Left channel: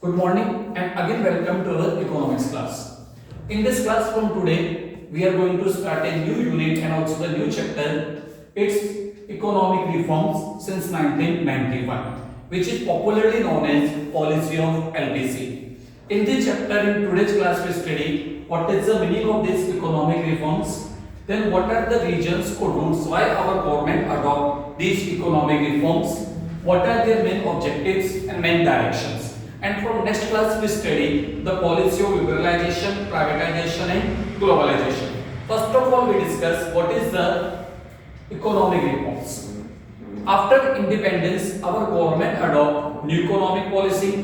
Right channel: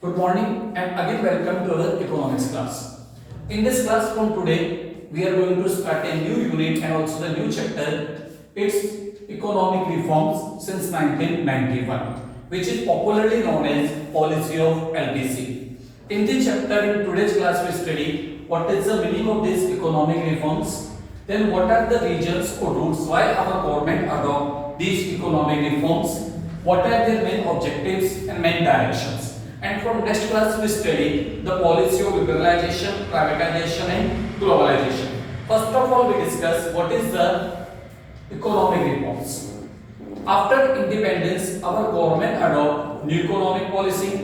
Good morning and again welcome to our economics class. In this class from today, we are going to start a new unit and also the new chapter. It's economic reforms since 1991, which is popularly known as policy of LPC. In this chapter, in today's class, we study what is the meaning of these economic reforms, then what are the reasons or routes why our government adopt these economic reforms, what are their main objectives and main directions. And from next class we study the policy of liberalization, privatization and globalization. First of all, we discuss what is the economic reforms. After independence, our government adopt new economic policy,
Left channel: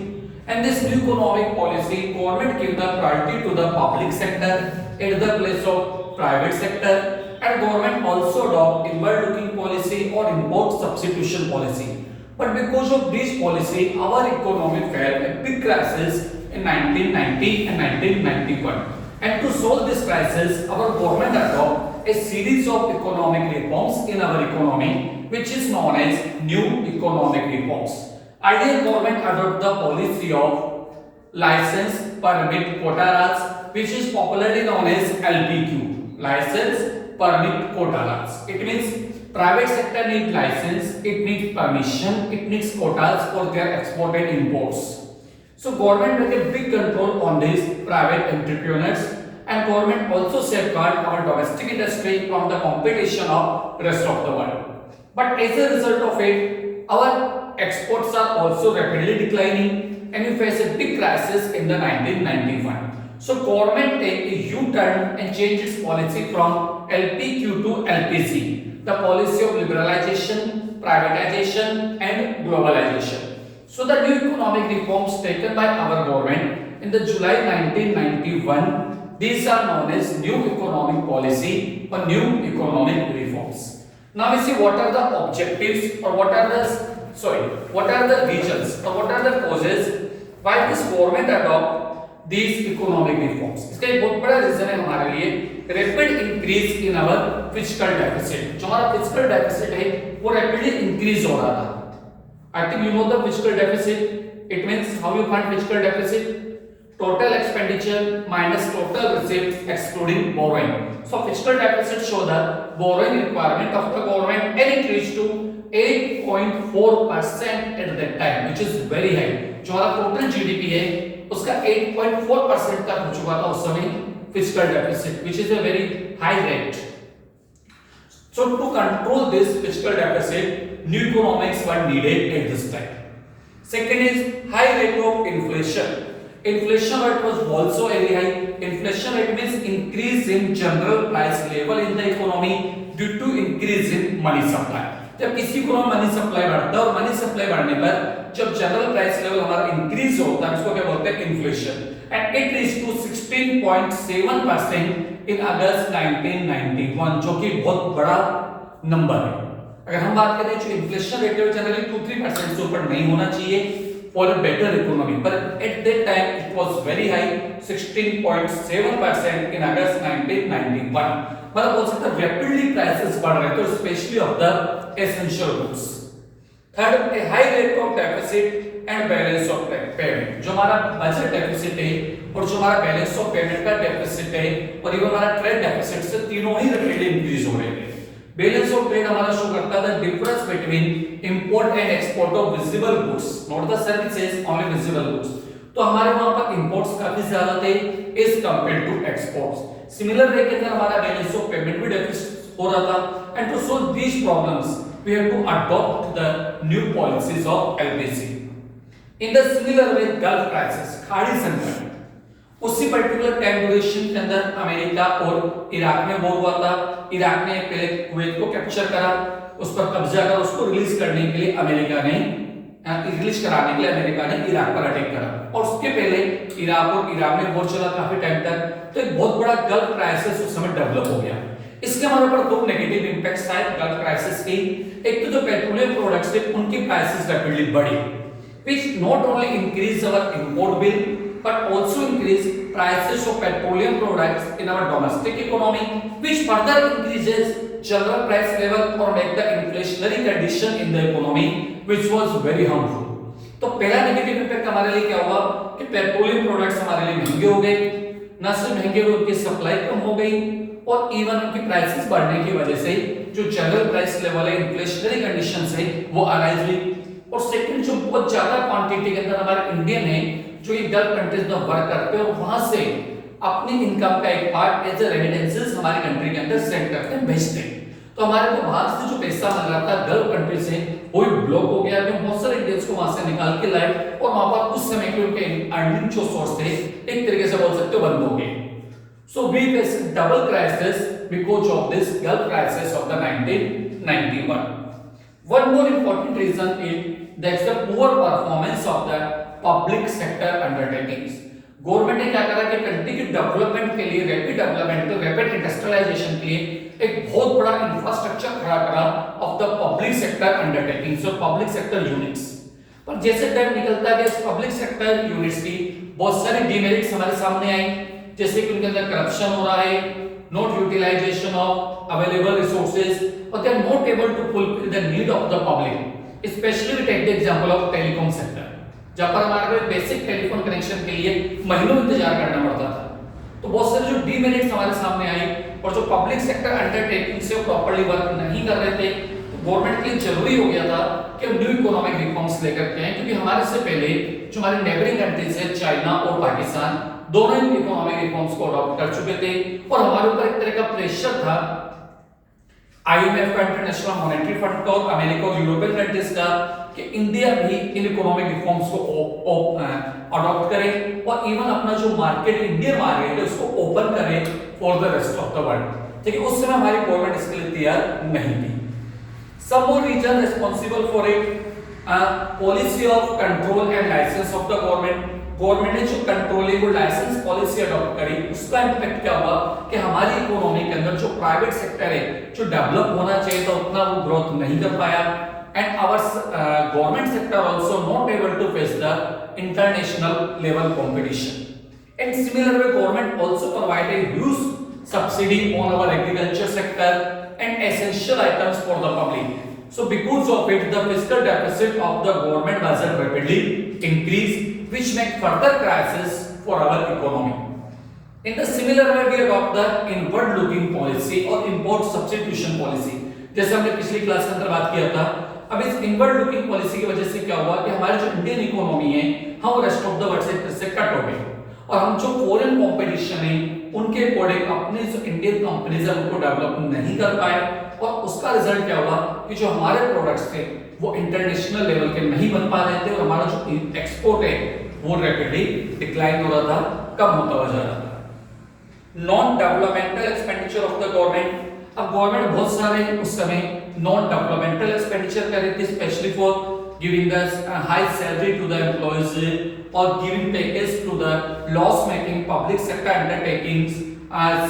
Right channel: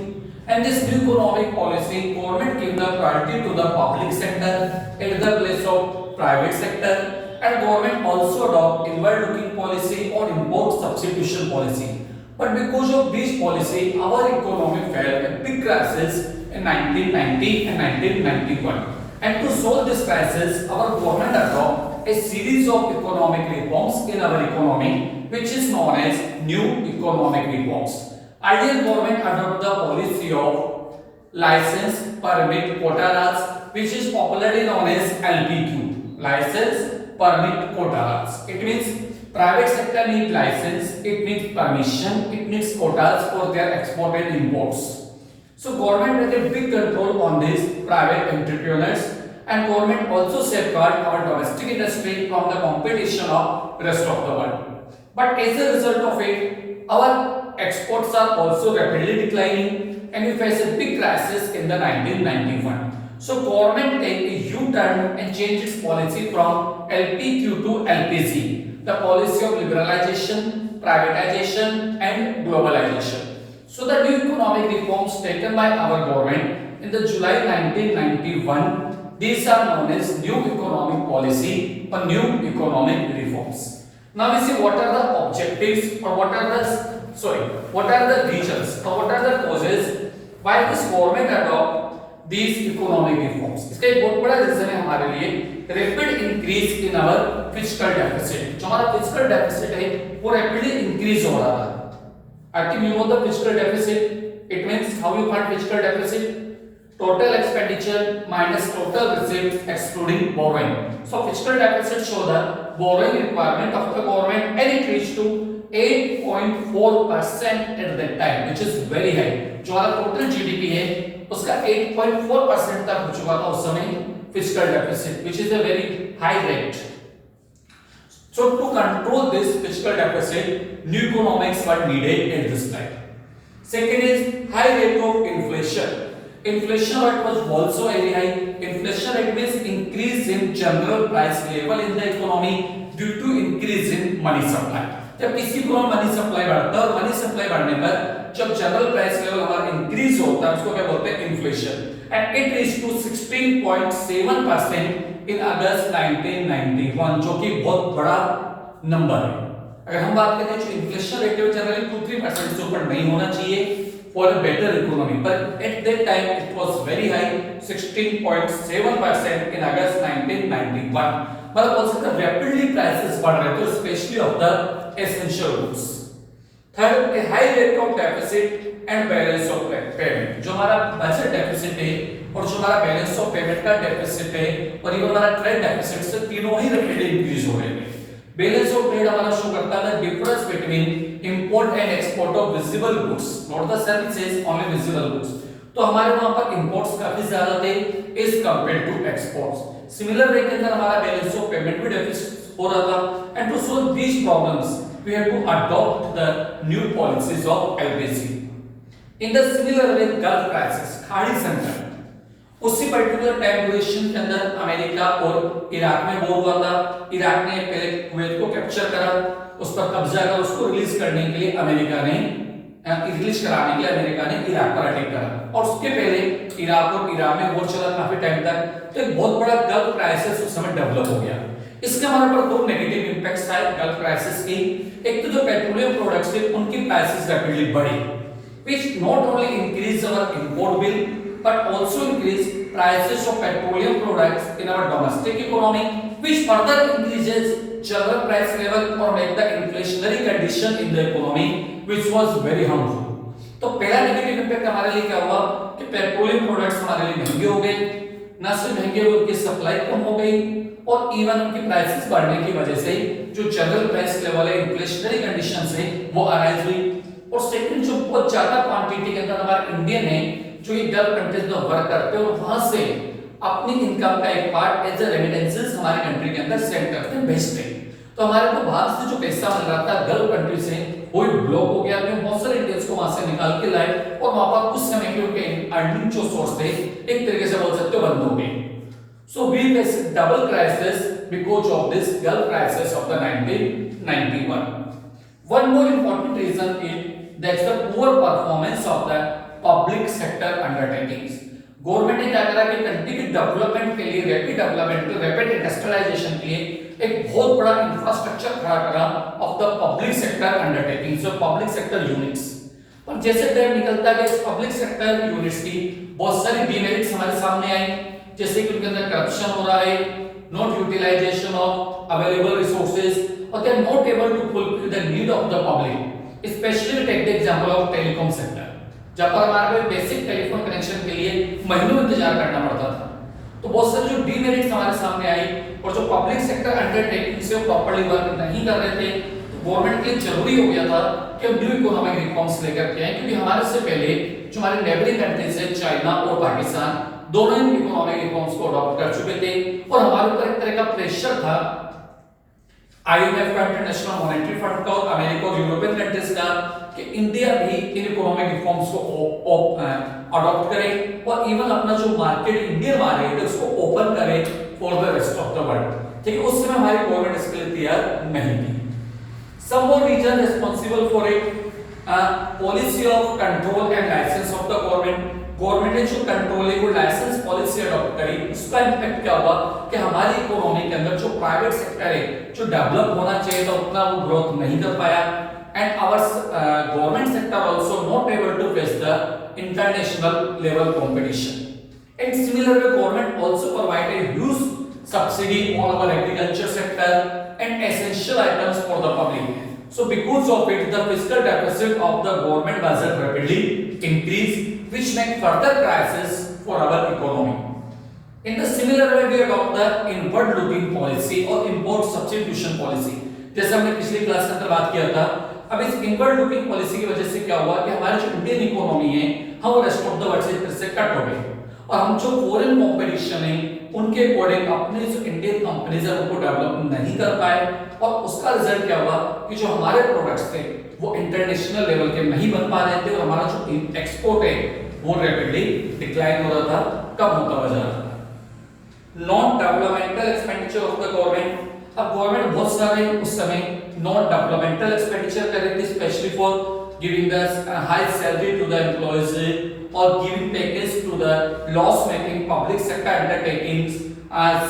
and this new economic policy government give the priority to the public sector at the place of private sector, and government also adopt inward looking policy or import substitution policy. But because of this policy, our economy fell a big crisis in 1990 and 1991. And to solve this crisis, our government adopted a series of economic reforms in our economy, which is known as new economic reforms. Earlier government adopted the policy of license, permit, quota rules, which is popularly known as LPQ, license, permit, quota rules. It means private sector needs license, it needs permission, it needs quotas for their export and imports. So government has a big control on these private entrepreneurs, and government also safeguard our domestic industry from the competition of rest of the world. But as a result of it, our exports are also rapidly declining, and we face a big crisis in the 1991. So government take a U-turn and change its policy from LPQ to LPC. The policy of liberalization, privatization and globalization. So the new economic reforms taken by our government in the July 1991, these are known as new economic policy or new economic reforms. Now we see what are the objectives or what are the reasons or what are the causes why this government adopt these economic reforms. इसका एक बहुत बड़ा reason है हमारे लिए rapid increase in our physical deficit. जो हमारा physical deficit है वो रैपिडली इंक्रीज हो रहा था. I think you know the physical deficit. It means how you find physical deficit, total expenditure minus total receipts excluding borrowing. So fiscal deficit show the borrowing requirement of the government, and it reached to 8.4% at that time, which is very high. जो हमारा total GDP है उसका 8.4% तक हो चुका था उस समय fiscal deficit, which is a very high rate. So to control this fiscal deficit, new economics were needed at this time. Second is high rate of inflation. Inflation rate was also very high. Inflation rate means increase in general price level in the economy due to increase in money supply. जब किसी को money supply बढ़ता है और money supply बढ़ने पर जब general price level हमारा इंक्रीज होता है उसको क्या बोलते हैं inflation. And it reach to 16.7% in August 1991, जो कि बहुत बड़ा नंबर है. अगर हम बात करें जो इन्फ्लेशन रेट है जनरली 2-3% से ऊपर नहीं होना चाहिए for a better economy, but at that time it was very high, 16.7% in August 1991. मतलब बोल सकते हैं rapidly prices बढ़ रहे थे, especially of the essential goods. Third, a high rate of deficit and balance of payment. जो हमारा budget deficit है और जो हमारा बैलेंस ऑफ पेमेंट का डेफिसिट है और ये हमारा ट्रेड डेफिसिट से तीनों ही rapidly increase हो रहे हैं. बैलेंस ऑफ ट्रेड हमारा शो करता है the difference between import and export of visible goods, not the services, only visible goods. तो हमारे वहां पर इंपोर्ट्स काफी ज्यादा थे as compared to exports. Similar way के अंदर हमारा बैलेंस ऑफ पेमेंट भी डेफिसिट हो रहा था. And to solve these problems we have to adopt the new policies of LPC. In the similar way gulf crisis, खाड़ी संकट, उसी पर्टिकुलर टाइम ड्यूरेशन के अंदर अमेरिका और इराक में वॉर हुआ था. इराक ने पहले कुवैत को कैप्चर करा, उस पर कब्जा कर उसको रिलीज करने के लिए अमेरिका ने इराक पर अटैक करा. और उसके पहले इराक और ईरान में वॉर चला काफी टाइम तक. तो एक बहुत बड़ा गल्फ क्राइसिस उस समय डेवलप हो गया. इसके हमारे पर दो नेगेटिव इंपैक्ट्स आए गल्फ क्राइसिस की. एक तो जो पेट्रोलियम प्रोडक्ट्स थे उनकी प्राइसेस रैपिडली बढ़ी, which not only increase our import bill but also increase prices of petroleum products in our domestic economy, which further increases general price level or make the inflationary condition in the economy, which was very harmful. तो पहला negative impact हमारे लिए क्या हुआ कि petroleum products हमारे लिए महंगे हो गए, ना सिर्फ महंगे हुए, उनकी सप्लाई कम हो गई और इवन उनकी प्राइसेस बढ़ने की वजह से जो जनरल प्राइस लेवल है, इन्फ्लेशनरी कंडीशंस है, वो अराइज हुई। और सेकंड, जो बहुत ज्यादा क्वांटिटी के अंदर हमारे इंडियन है जो ये गल्फ कंट्रीज में वर्क करते हैं और वहां से अपनी इनकम का एक पार्ट एज अ रेमिटेंसेस हमारी कंट्री के अंदर सेंड करते हैं, भेजते हैं। तो हमारे को बाहर से जो पैसा मिल रहा था गल्फ कंट्री से वो ब्लॉक हो गया, हम बहुत सारे इंडियंस को वहां से निकाल के लाए और वहां पर कुछ समय के उनके अर्निंग जो सोर्स थे एक तरीके से बोल सकते हो बंद हो गए। So we faced double crisis because of this Gulf crisis of the 1991. One more important reason is that's the poor performance of the public sector undertakings. Government ने क्या करा कि कंट्री के डेवलपमेंट के लिए, रैपिड डेवलपमेंट, रैपिड इंडस्ट्रियलाइजेशन के लिए एक बहुत बड़ा इंफ्रास्ट्रक्चर खड़ा करा of the public sector undertakings और पब्लिक सेक्टर यूनिट्स। पर जैसे टाइम निकलता है इस पब्लिक सेक्टर यूनिट्स की बहुत सारी डीमेरिट्स हमारे सामने आई, जैसे कि उनके अंदर करप्शन हो रहा है, not utilisation of available resources और they are not able to fulfil the need of the public. Specially take the example of telecom sector, जहां पर हमारे को बेसिक टेलीफोन कनेक्शन के लिए महीनों इंतजार करना पड़ता था। तो बहुत सारे जो डीमेरिट्स हमारे सामने आई और जो पब्लिक सेक्टर अंडरटेकिंग से प्रॉपर्ली वर्क नहीं कर रहे थे, तो गवर्नमेंट के लिए जरूरी हो गया था कि हम न्यू इकोनॉमिक रिफॉर्म्स लेकर के आए, क्योंकि हमारे से पहले जो हमारे नेबरिंग कंट्रीज है चाइना और पाकिस्तान, दोनों ही इकोनॉमिक रिफॉर्म्स को अडॉप्ट कर चुके थे और हमारे ऊपर एक तरह का प्रेशर था आईएमएफ का, इंटरनेशनल मॉनेटरी फंड का और अमेरिका और यूरोपियन कंट्रीज का कि इंडिया भी इन इकोनॉमिक रिफॉर्म्स को अडॉप्ट करे और इवन अपना जो मार्केट, इंडियन मार्केट है उसको ओपन करे for the rest of the world. लेकिन उस समय हमारी गवर्नमेंट इसके लिए तैयार नहीं थी। Some more region responsible for it, policy of control and license of the government. Government ने जो कंट्रोलिंग और लाइसेंस पॉलिसी अडॉप्ट करी उसका इंपैक्ट क्या हुआ कि हमारी इकोनॉमी के अंदर जो प्राइवेट सेक्टर है जो डेवलप होना चाहिए था उतना वो ग्रोथ नहीं कर पाया, and our government sector also not able to face the international level competition. And similar way government also provided huge subsidy on our agriculture sector and essential items for the public. So because of it, the fiscal deficit of the government budget rapidly increased, which make further crisis for our economy. In the similar way, we adopt the inward-looking policy or import substitution policy. जैसे हमने पिछली class के अंदर बात किया था, अब इस inward-looking policy की वजह से क्या हुआ कि हमारी जो इंडियन इकोनॉमी है, हम रेस्ट ऑफ द वर्ल्ड से कट हो गए और हम जो फॉरेन कंपटीशन है उनके अकॉर्डिंग अपनी जो इंडियन कंपनीज है उनको डेवलप नहीं कर पाए और उसका रिजल्ट क्या हुआ कि जो हमारे प्रोडक्ट्स थे वो इंटरनेशनल लेवल के नहीं बन पा रहे थे और हमारा जो एक्सपोर्ट है वो रैपिडली डिक्लाइन हो रहा था, कम होता हुआ जा रहा था। Non developmental expenditure of the government, अब गवर्नमेंट बहुत सारे उस समय नॉन डेवलपमेंटल एक्सपेंडिचर कर रही थी, specially for giving the high salary to the employees or giving package to the loss making public sector undertakings,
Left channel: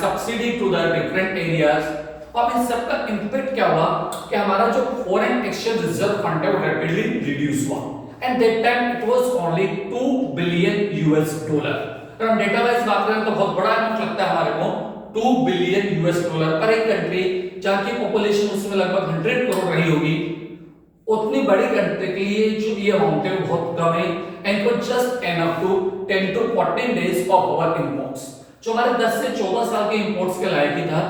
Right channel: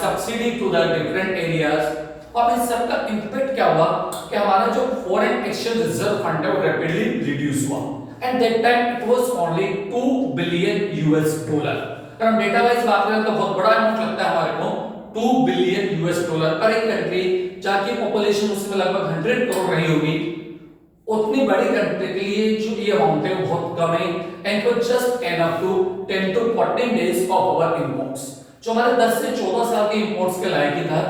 subsidy to the different areas। अब इन सब का इम्पैक्ट क्या हुआ कि हमारा जो फॉरेन एक्सचेंज रिजर्व फंड है वो रैपिडली रिड्यूस हुआ, and that time it was only 2 billion US dollar. अगर हम डेटा वाइज बात करें तो बहुत बड़ा अमाउंट लगता है हमारे को, 2 बिलियन यूएस डॉलर पर एक कंट्री जहां की पॉपुलेशन उसमें लगभग 100 करोड़ रही होगी, उतनी बड़ी कंट्री के लिए जो ये अमाउंट है वो बहुत कम है, and for just enough to 10 to 14 days of our imports. जो हमारे 10 से 14 साल के इंपोर्ट्स के लायक ही था,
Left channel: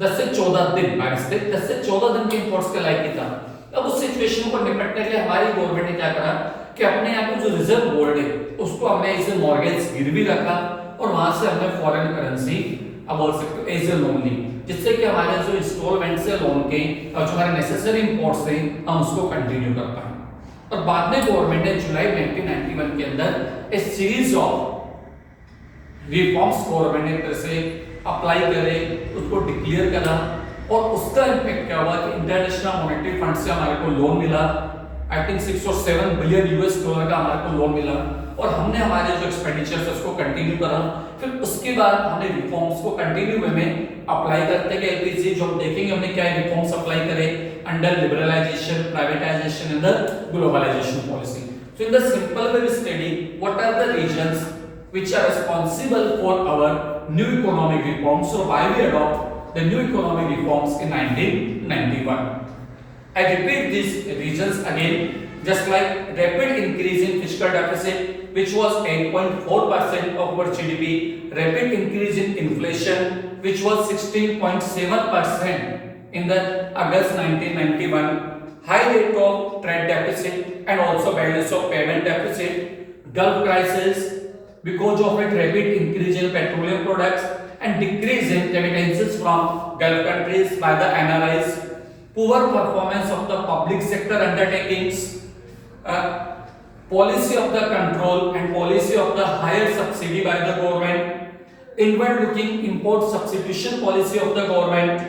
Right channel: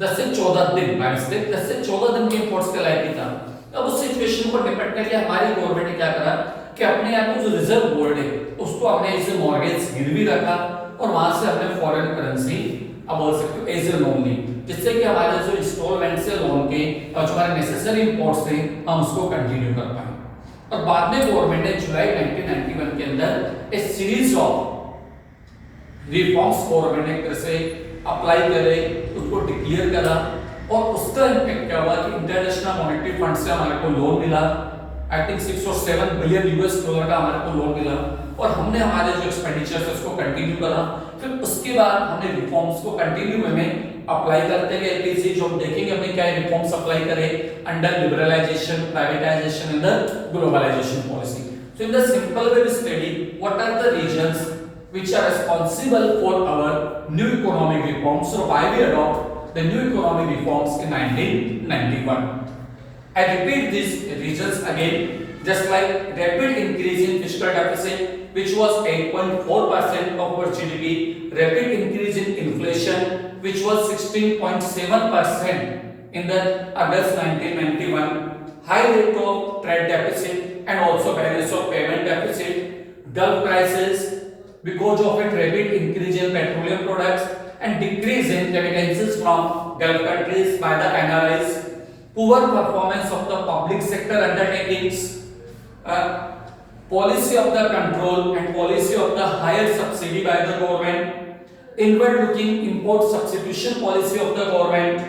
10 से 14 दिन, 10 से 14 दिन के इंपोर्ट्स के लायक ही था। अब उस सिचुएशन को निपटने के लिए हमारी गवर्नमेंट ने क्या करा कि अपने यहाँ को जो रिजर्व गोल्ड है उसको हमने इसे मॉर्गेज गिरवी रखा और वहां से हमने फॉरेन करेंसी अब बोल सकते हो एज ए लोन ली, जिससे कि हमारे जो इंस्टॉलमेंट से लोन के और जो हमारे नेसेसरी इंपोर्ट्स थे हम उसको कंटिन्यू कर पाए। और बाद में गवर्नमेंट ने जुलाई 1991 के अंदर एक सीरीज ऑफ रिफॉर्म्स गवर्नमेंट ने तरह से अप्लाई करे, उसको डिक्लेयर करा और उसका इम्पैक्ट क्या हुआ कि इंटरनेशनल मॉनेटरी फंड से हमारे को लोन मिला, I think 6 or 7 billion US dollar का हमारे को लोन मिला और हमने हमारे जो एक्सपेंडिचर्स है उसको कंटिन्यू करा। फिर उसके बाद हमने रिफॉर्म्स को कंटिन्यू वे में अप्लाई करते गए। एलटीसी जो हम देखेंगे हमने क्या रिफॉर्म्स अप्लाई करे under liberalisation, privatisation and the globalisation policy. So in the simple way we study what are the reasons which are responsible for our new economic reforms, so why we adopt the new economic reforms in 1991. I repeat these reasons again. just like rapid increase in fiscal deficit, which was 8.4% of our GDP, rapid increase in inflation, which was 16.7% in the August 1991, high rate of trade deficit and also balance of payment deficit, Gulf crisis because of its rapid increase in petroleum products and decrease in remittances from Gulf countries by the NRIs, poor performance of the public sector undertakings, policy of the control and policy of the higher subsidy by the government, inward looking import substitution policy of the government,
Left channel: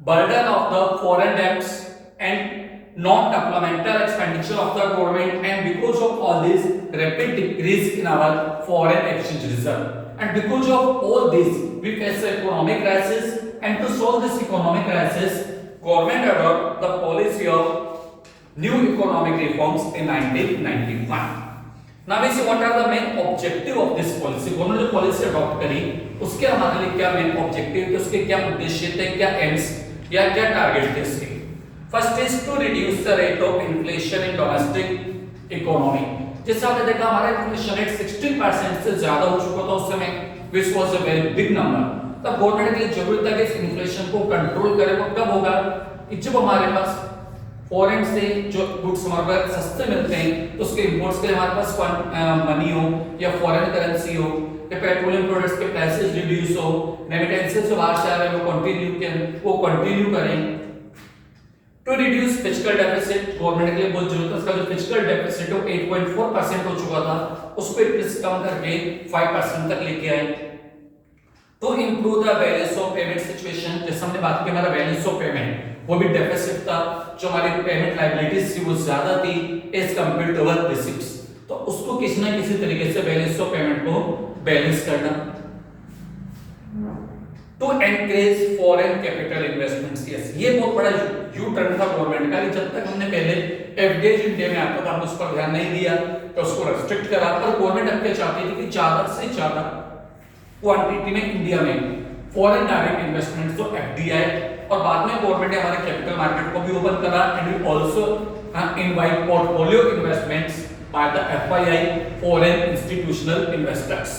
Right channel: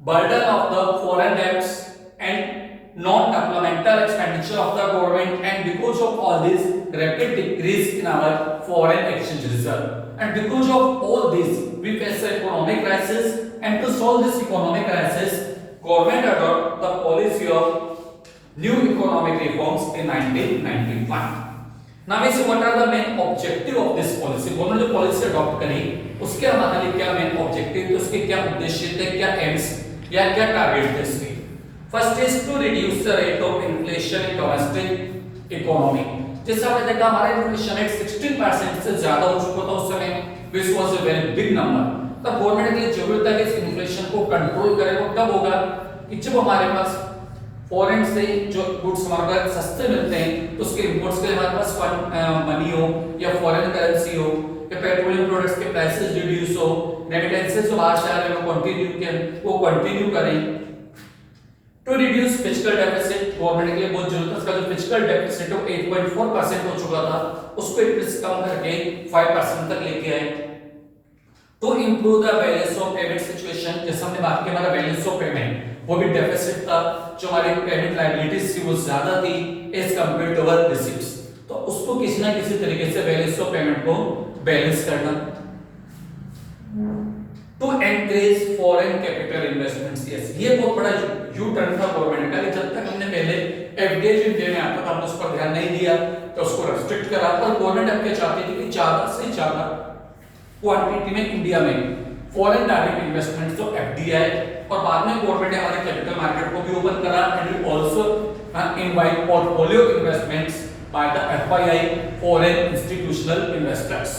burden of the foreign debts and non-supplemental expenditure of the government, and because of all this rapid decrease in our foreign exchange reserve, and because of all this we face an economic crisis, and to solve this economic crisis government adopted the policy of new economic reforms in 1991. Now we see what are the main objective of this policy. government जो policy adopt करी उसके हमारे लिए क्या main objective थे, उसके क्या उद्देश्य थे, क्या aims या क्या target थे इसके. First is to reduce the rate of inflation in domestic economy. जैसा आपने देखा हमारा inflation rate 16% से ज्यादा हो चुका था उस समय, which was a very big number. तब गवर्नमेंट के लिए जरूरत था कि इस इन्फ्लेशन को कंट्रोल करें. तो कब होगा कि जब हमारे पास फॉरेन से जो गुड्स हमारे पास सस्ते मिलते हैं तो उसके इंपोर्ट्स के लिए हमारे पास मनी हो या फॉरेन करेंसी हो या पेट्रोलियम प्रोडक्ट्स के प्राइसेस रिड्यूस हो, रेमिटेंसेस जो बाहर से आ रहे हैं वो कंटिन्यू करें. To reduce fiscal deficit, government के लिए बहुत जरूरत है. इसका जो फिस्कल डेफिसिट है 8.4% हो चुका था, उसको इंक्रीज कम करके 5% तक लेके आए. To improve the balance of payment situation, जैसे हमने बात की हमारा बैलेंस ऑफ पेमेंट वो भी डेफिसिट था, जो हमारी पेमेंट लायबिलिटीज थी वो ज्यादा थी as compare to our receipts. तो उसको किसी ना किसी तरीके से बैलेंस ऑफ पेमेंट को बैलेंस करना. To encourage foreign capital investments, yes ये बहुत बड़ा यू टर्न था गवर्नमेंट का. जब तक हमने पहले एफडीआई इंडिया में आता था हम उस पर ध्यान नहीं दिया तो उसको रेस्ट्रिक्ट करा, पर गवर्नमेंट अब क्या चाहती थी कि ज्यादा से ज्यादा क्वांटिटी में इंडिया में फॉरेन डायरेक्ट इन्वेस्टमेंट तो एफडीआई, और बाद में गवर्नमेंट ने हमारे कैपिटल मार्केट को भी ओपन करा and we also invite portfolio investments by the FII foreign institutional investors.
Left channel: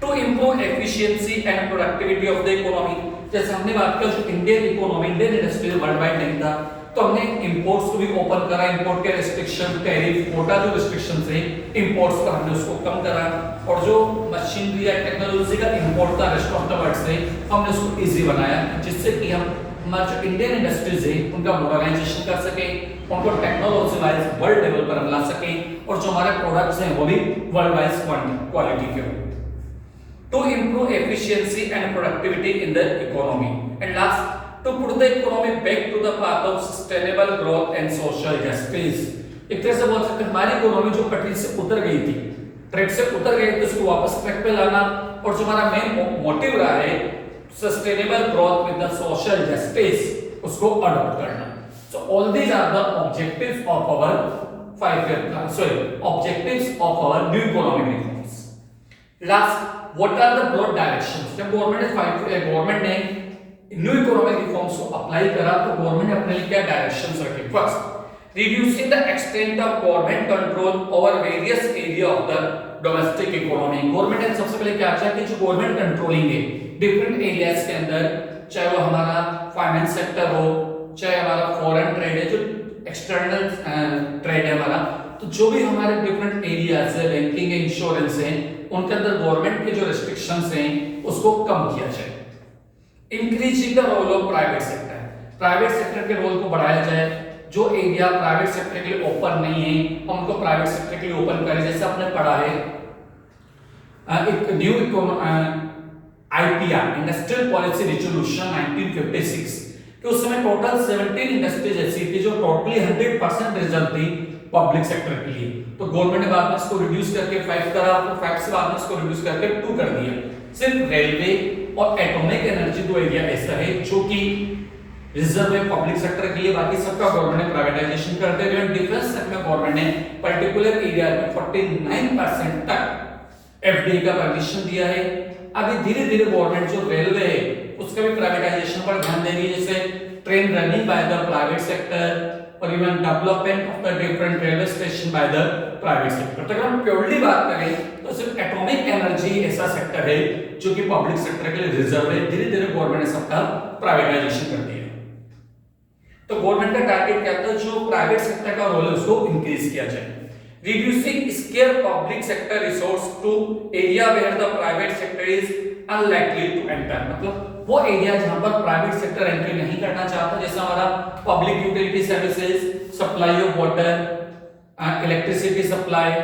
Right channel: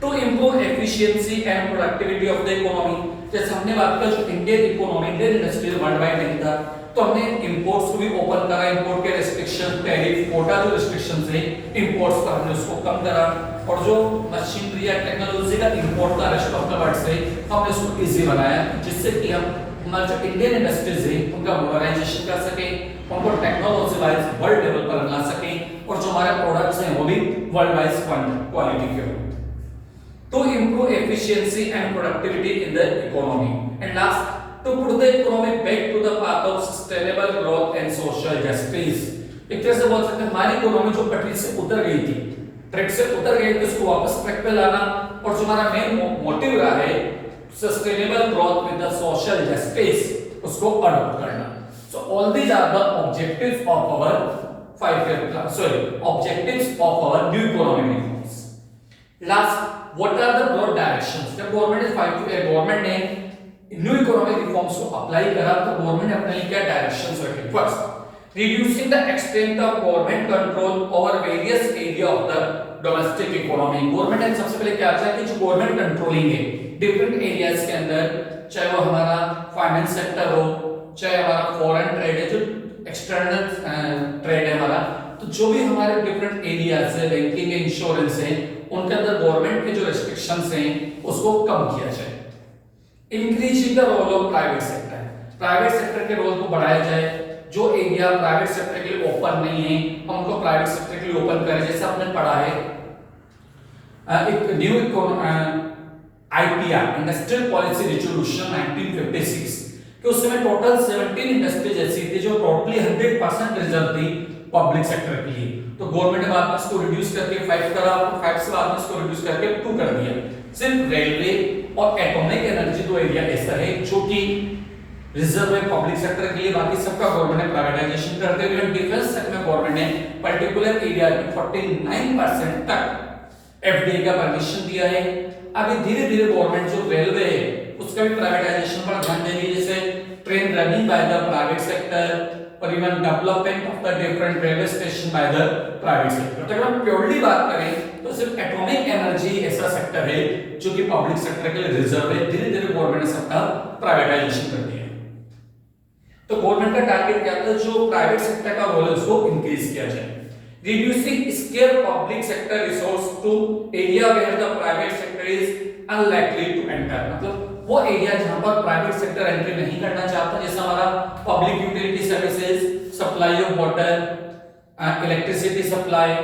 To improve efficiency and productivity of the economy, जैसे हमने बात की जो Indian economy Indian industry world wide नहीं था तो हमने इंपोर्ट्स को भी ओपन करा. इंपोर्ट के रिस्ट्रिक्शन, टैरिफ, कोटा जो रिस्ट्रिक्शन थे इंपोर्ट्स पर हमने उसको कम करा, और जो मशीनरी या टेक्नोलॉजी का इंपोर्ट था रेस्ट ऑफ द वर्ल्ड से हमने उसको इजी बनाया, जिससे कि हम हमारे जो इंडियन इंडस्ट्रीज है उनका मॉडर्नाइजेशन कर सके, उनको टेक्नोलॉजी वाइज वर्ल्ड लेवल पर ला सके, और जो हमारे प्रोडक्ट्स हैं वो भी वर्ल्ड वाइज क्वालिटी के हो. To improve efficiency and productivity in the economy, and last to put the economy back to the path of sustainable growth and social justice. एक तरह से बोल सकते हैं हमारी इकोनॉमी जो पटरी से उतर गई थी, ट्रैक से उतर गई थी, उसको वापस ट्रैक पे लाना, और जो हमारा मेन मोटिव रहा है sustainable growth with the social justice उसको अडॉप्ट करना. So all these are the objectives of our 5-year plan, objectives of our new economic reforms. Last What are the broad directions? जब government ने new economic reforms को apply करा तो government ने अपने लिए क्या डायरेक्शंस रखे? First, reducing the extent of government control over various area of the domestic economy. Government ने सबसे पहले क्या किया कि जो गवर्नमेंट कंट्रोलिंग है डिफरेंट एरियाज के अंदर, चाहे वो हमारा फाइनेंस सेक्टर हो, चाहे हमारा फॉरेन ट्रेड है, जो एक्सटर्नल ट्रेड है हमारा, तो जो भी हमारे डिफरेंट एरियाज है, बैंकिंग है, इंश्योरेंस है, उनके अंदर गवर्नमेंट के जो रेस्ट्रिक्शंस हैं उसको कम किया जाए. Increasing the role of private sector, private sector के रोल को बढ़ाया जाए. जो एरिया प्राइवेट सेक्टर के लिए ओपन नहीं है हम उनको प्राइवेट सेक्टर के लिए ओपन करें. जैसे आपने पढ़ा है एक new IPR industrial policy resolution 1956 कि उस समय टोटल 17 इंडस्ट्रीज ऐसी थी जो टोटली 100% रिजर्व थी पब्लिक सेक्टर के लिए. तो गवर्नमेंट ने बाद में इसको रिड्यूस करके 5 करा, तो 5 से बाद में इसको रिड्यूस करके 2 कर दिया. सिर्फ रेलवे और एटॉमिक एनर्जी दो एरिया ऐसा है जो कि रिजर्व है पब्लिक सेक्टर के लिए, बाकी सबका गवर्नमेंट ने प्राइवेटाइजेशन करते हुए डिफेंस सेक्टर में गवर्नमेंट ने पर्टिकुलर एरिया में 49% तक एफडीआई का परमिशन दिया है. अभी धीरे-धीरे गवर्नमेंट जो रेलवे है उसका भी प्राइवेटाइजेशन पर ध्यान दे रही है, जैसे train running by the private sector, or even development of the different railway station by the private sector. तो अगर हम प्योरली बात करें तो सिर्फ एटॉमिक एनर्जी ऐसा सेक्टर है जो कि पब्लिक सेक्टर के लिए रिजर्व है. धीरे धीरे गवर्नमेंट ने सबका प्राइवेटाइजेशन कर दिया. तो गवर्नमेंट का टारगेट क्या था, जो प्राइवेट सेक्टर का रोल है उसको इंक्रीज किया जाए. Reducing scarce public sector resource to area where the private sector is unlikely to enter. मतलब वो एरिया जहां पर प्राइवेट सेक्टर एंट्री नहीं करना चाहता, जैसे हमारा public utility services, supply of water, electricity supply,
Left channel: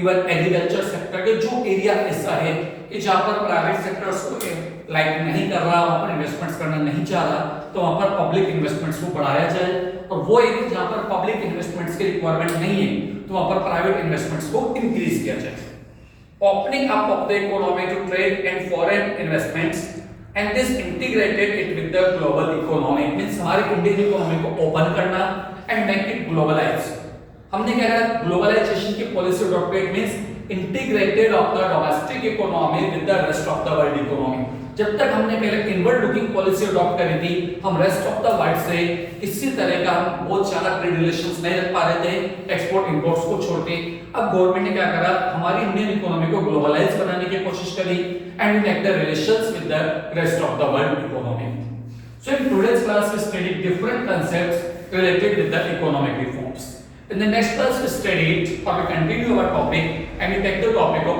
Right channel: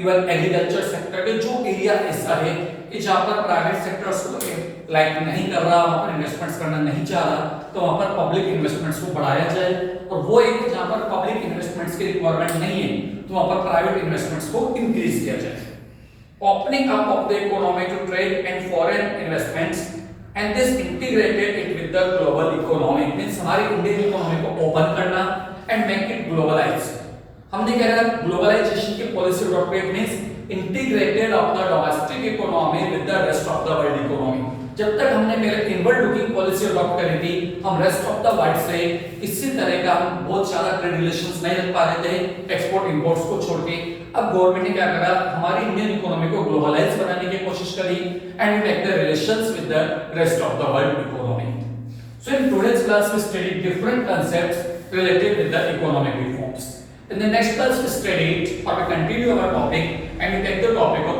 even agriculture sector के जो एरिया ऐसा है कि जहां पर प्राइवेट सेक्टर उसको लाइक नहीं कर रहा, वहां पर इन्वेस्टमेंट्स करना नहीं चाह रहा, तो वहां पर पब्लिक इन्वेस्टमेंट्स को बढ़ाया जाए. और वो एरिया जहां पर पब्लिक इन्वेस्टमेंट्स की रिक्वायरमेंट नहीं है तो वहां पर प्राइवेट इन्वेस्टमेंट्स को इंक्रीज किया जाए. Opening up of the economy to trade and foreign investments and this integrated it with the global economy. Means हमारी इंडियन इकोनॉमी को ओपन करना एंड मेक इट ग्लोबलाइज. हमने क्या करा, ग्लोबलाइजेशन की policy adopted means integrated of the domestic economy with the rest of the world economy. जब तक हमने पहले इनवर्ड लुकिंग पॉलिसी अडॉप्ट करी थी, हम रेस्ट ऑफ द वर्ल्ड से किसी तरह का हम बहुत ज्यादा ट्रेड रिलेशंस नहीं रख पा रहे थे, एक्सपोर्ट इंपोर्ट्स को छोड़ के. अब गवर्नमेंट ने क्या करा, हमारी इंडियन इकोनॉमी को ग्लोबलाइज बनाने की कोशिश करी and make the relations with the rest of the world economy. So in today's class we study different concepts related with the economic reforms. In the next class we studied or we continue our topic and we take the topic of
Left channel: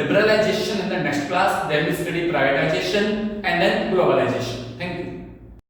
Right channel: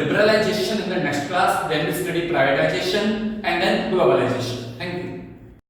liberalization in the next class. Then we study privatization and then globalization.